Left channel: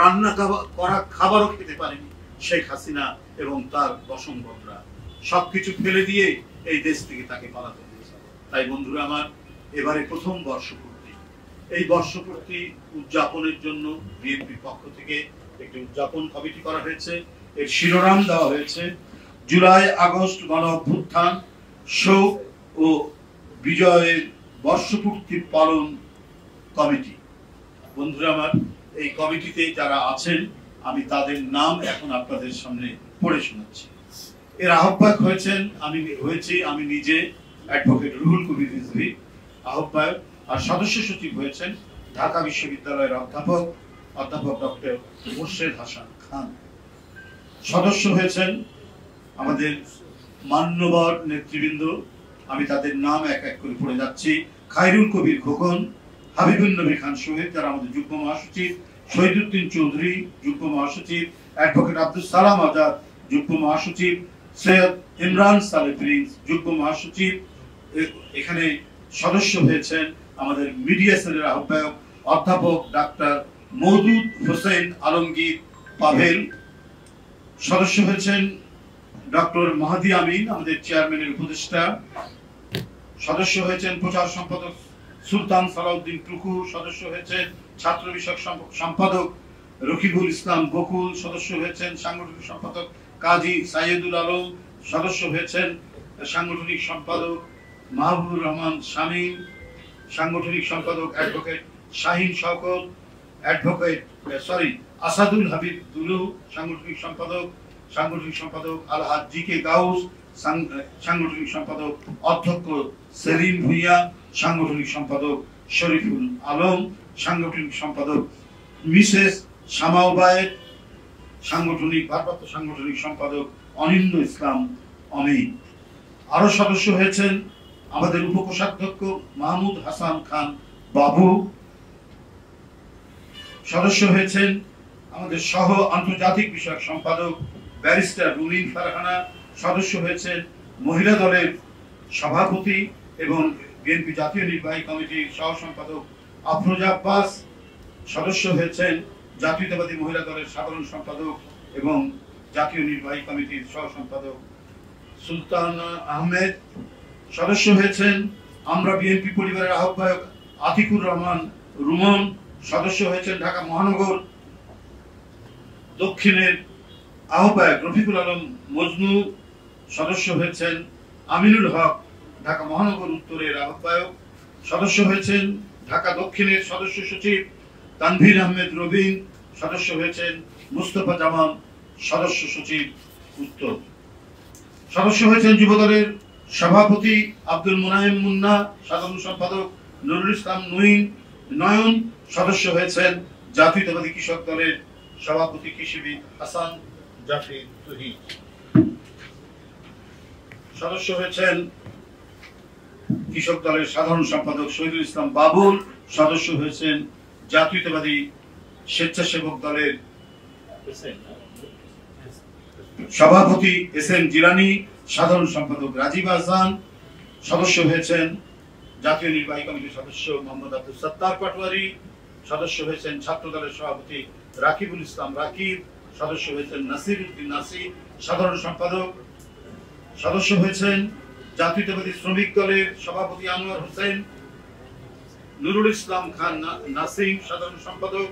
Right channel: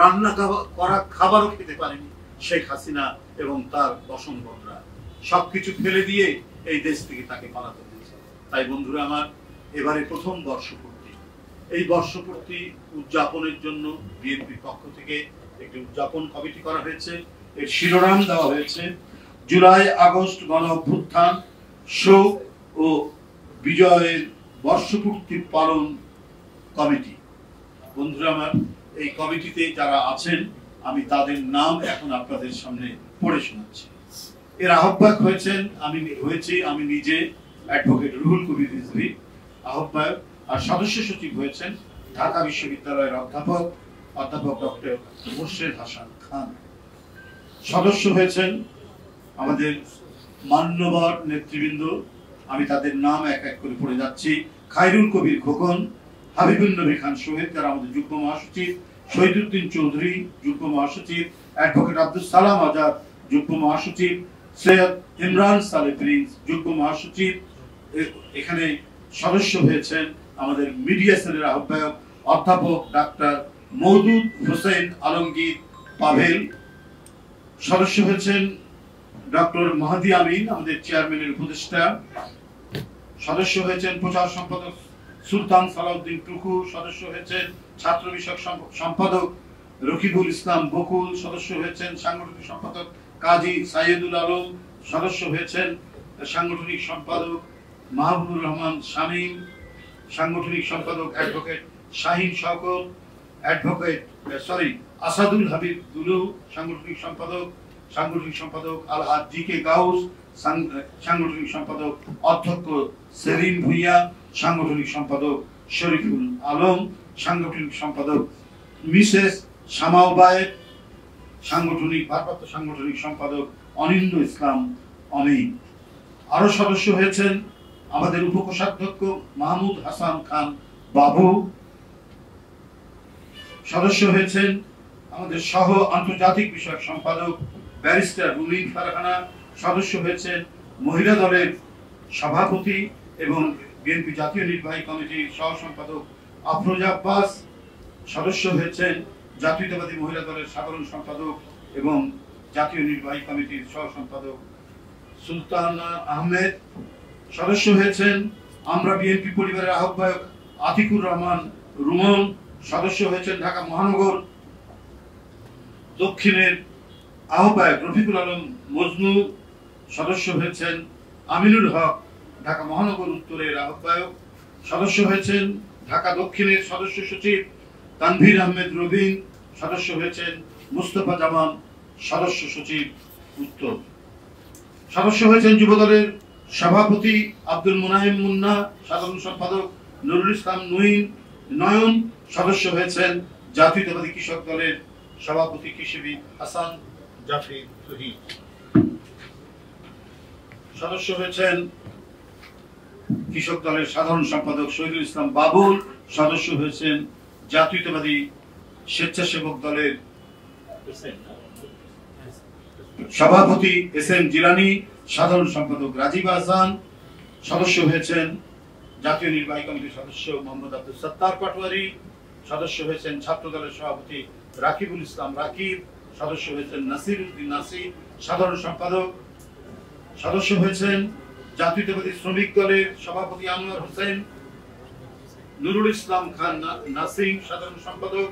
রান্না করা খাবারও খেতে পারেনি শেখ হাসিনা এবং তার বসনগণরা। সবকিছু ফেলে দিয়ে এই দেশ থেকে তাকে পালাতে হয়েছে। তাই বন্ধুরা আমার, এবারে প্রথম বর্ষপূর্তি, এই বর্ষপূর্তি উদযাপনের জন্য বিএনপির পক্ষ থেকে একটি উদযাপন কমিটি করা হয়েছে। এর শিরোনাম দেওয়া হয়েছে জুলাই আগস্ট গণ অভ্যুত্থান, শোক ও বিজয়ের বর্ষপূর্তি পালন কমিটি। বন্ধুরা আমার, এই কমিটিতে যারা আছেন আমি তাদের নাম এখন আপনাদের সামনে পড়ে শোনাচ্ছি। এর আহ্বায়ক আমি নিজে অ্যাডভোকেট রুহুল কবির রিজভী আহ্বায়ক, আর সদস্য সচিব হয়েছেন ঢাকা বিশ্ববিদ্যালয়ের অধ্যাপক ডক্টর মোর্শেদ হাসান খান। সদস্য হয়েছেন আমাদের মান্যবর নেতৃবৃন্দ, আমি তাদের নাম এক এক করে পড়ে যাচ্ছি। খায়রুল কবির খোকন, হাবিবুন নবী খান সোহেল যারা আমাদের যুগ্ম মহাসচিব, শহীদুদ্দিন চৌধুরী যুগ্ম মহাসচিব, অ্যাডভোকেট আব্দুল সালাম আজাদ যুগ্ম মহাসচিব, সৈয়দ ইমরান সালে প্রিন্স যুগ্ম মহাসচিব। এখানে সদস্য হয়েছেন আমাদের মিডিয়া সেলের আহ্বায়ক অধ্যাপক ডাক্তার মওদুদ হোসেন আলমগীর পাভেল। সদস্য হয়েছেন ডক্টর মাহাদি আমিন আমাদের চেয়ারম্যানের উপদেষ্টা। সদস্য হয়েছেন প্রচার সম্পাদক সুলতান সালাউদ্দিন টুকু। সদস্য হয়েছেন ছাত্র বিষয়ক সম্পাদক রকিবুল ইসলাম বকুল। সদস্য হয়েছেন সাংগঠনিক সম্পাদক কাজী সাইয়দুল আলম। সদস্য হয়েছেন সাংগঠনিক সম্পাদক মাহবুবুর রহমান শামীম। সাংগঠনিক সম্পাদক অ্যাডভোকেট শাহিন শওকত, আসাদুল হাবিব দুলু। সাংগঠনিক সম্পাদক আলহাজ জি কে গাউস। সাংগঠনিক সম্পাদক অধ্যক্ষ সেলিম ভুইয়া। সাংগঠনিক সম্পাদক শরীফুল আলম। সাংগঠনিক সম্পাদক মিসেস শামাও বায়েত। ভারপ্রাপ্ত সাংগঠনিক সম্পাদক অনিন্দ ইসলাম অমিত। আরো সদস্য হয়েছেন আমাদের উপকোষাধ্যক্ষ মাহমুদ হাসান খান বাবু। সদস্য হয়েছেন আমাদের সহ আন্তর্জাতিক বিষয়ক সম্পাদক ব্যারিস্টার রুমিন ফারহানা। সদস্য হয়েছেন মহিলা দলের সভাপতি এবং বিএনপি জাতীয় নির্বাহী কমিটির সহ সম্পাদক আফরোজা আব্বাস। সদস্য হয়েছেন জাতীয়তাবাদী মহিলা দলের সাধারণ সম্পাদক এবং জাতীয় নির্বাহী কমিটির সহ সম্পাদক সুলতানা আহমেদ। সদস্য হয়েছেন আমরা বিএনপি পরিবারের আহ্বায়ক আতিকুর রহমান রুমন। সদস্য হয়েছেন ঢাকা মহানগর দক্ষিণের আহ্বায়ক রফিকুল আলম মজনু। সদস্য হয়েছেন আমিনুল হক ঢাকা মহানগর উত্তরের আহ্বায়ক। সদস্য হয়েছেন ঢাকা দক্ষিণের সদস্য সচিব তানভীর আহমেদ রবিন। সদস্য হয়েছেন মুস্তফা জামান সদস্য সচিব উত্তর। সদস্য হয়েছেন যুবদলের সভাপতি আব্দুল মুনাইম মুন্না, সাধারণ সম্পাদক নুরুল ইসলাম নয়ন। সদস্য হয়েছেন জাতীয়তাবাদী কৃষক দলের সভাপতি কৃষিবিদ হাসান জাফর তহিদ। সদস্য হয়েছেন কৃষক দলের সাধারণ সম্পাদক শহীদুল ইসলাম বাবুল। সদস্য হয়েছেন জাতীয়তাবাদী স্বেচ্ছাসেবক দলের সভাপতি এস এম জিলানি, সাধারণ সম্পাদক রাজীব আহসান। সদস্য হয়েছেন জাতীয় নির্বাহী কমিটির সদস্য মোহাম্মদ আব্দুল সত্তার পাটোয়ারি। সদস্য হয়েছেন ছাত্র দলের সভাপতি রাকিবুল ইসলাম রাকিব। সদস্য হয়েছেন নাসির উদ্দিন নাসির, সাধারণ সম্পাদক। সদস্য হয়েছেন জাতীয়তাবাদী শ্রমিক দলের সভাপতি আনোয়ার হোসেন, নুরুল ইসলাম খান নাসিম, সাধারণ সম্পাদক।